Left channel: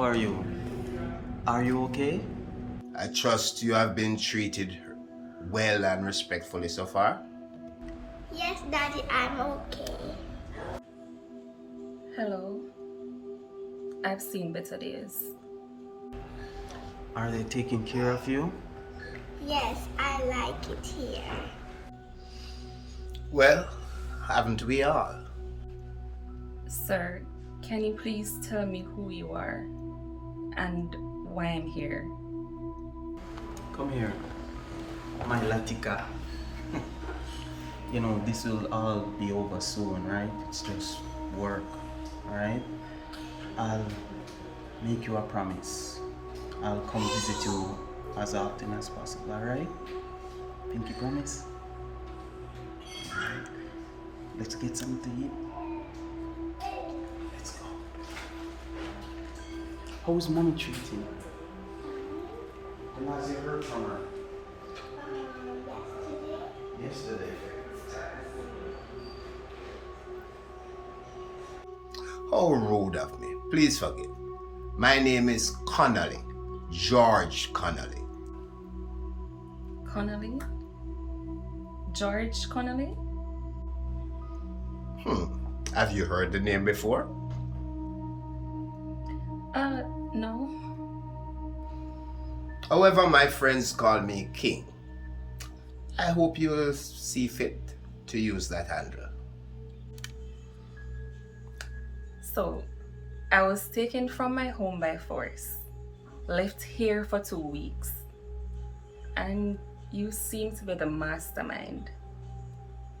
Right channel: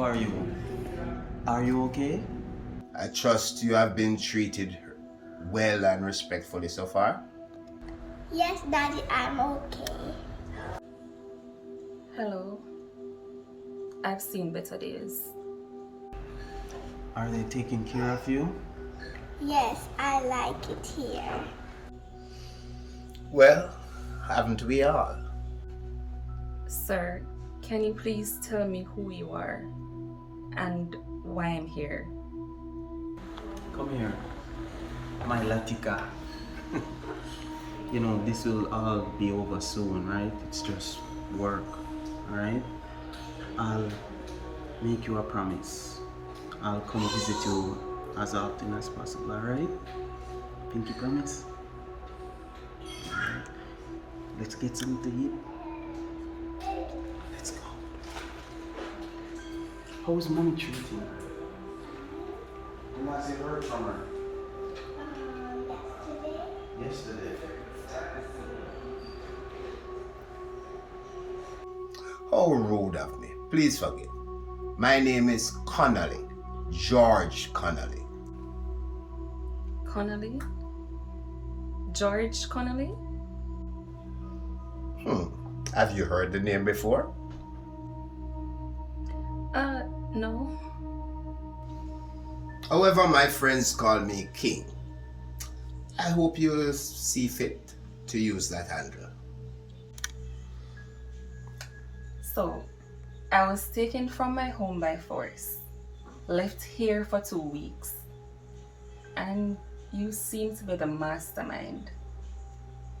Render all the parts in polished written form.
How are you? Are you okay? I trust you have been treated well and respectfully so far. Yes, Daddy, I'm okay. Hello. I've seen better days. Are they taking care of you? Yes, I like it here. Well, haven't we all? Sir, can you please tell me who you are and why I'm here? Come here, my Latika. You know, this will all be over soon, right? It's just work, alright? I'll make you a promise. I'll come visit you as often as possible, alright? Pinky promise? Alright. Let's get something to eat. Let's go. How's mommy treating? And has you heard from her? Yesterday. How rude of me. Please forgive. My name is Connolly. George Connolly. Connolly? George Connolly? Have you heard the name before? No. However, my friends call me King. I hope you will see fit to use that handle. So, I was taken from my home by force, left here for 2 weeks, and you seem to be the mastermind.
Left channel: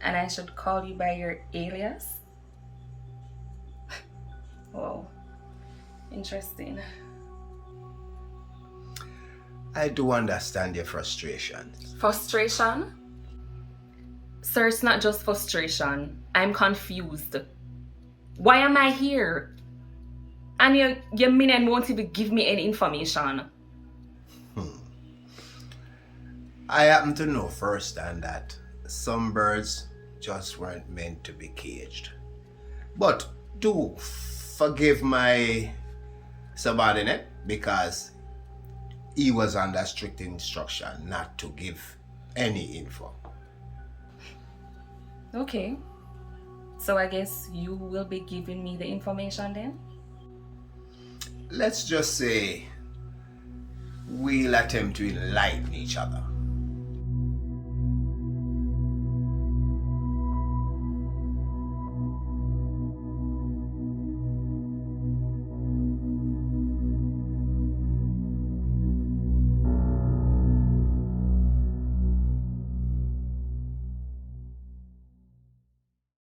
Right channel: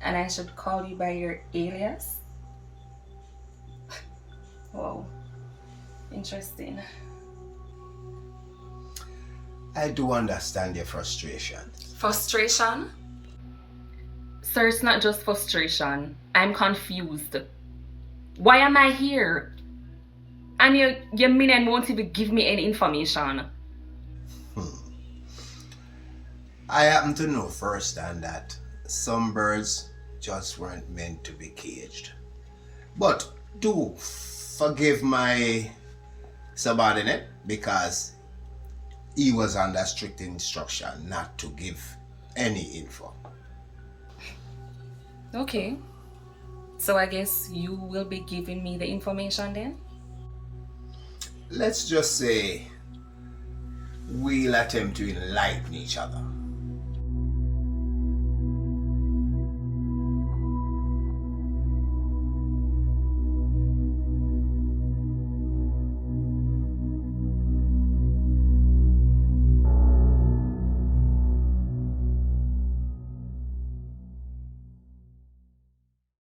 And I should call you by your alias? Wow, interesting. I do understand your frustration. Frustration? Sir, it's not just frustration. I'm confused. Why am I here? And your minion won't even give me any information. I happen to know firsthand that some birds just weren't meant to be caged. But do forgive my subordinate because he was under strict instruction not to give any info. Okay. So I guess you will be giving me the information then? Let's just say we'll attempt to enlighten each other.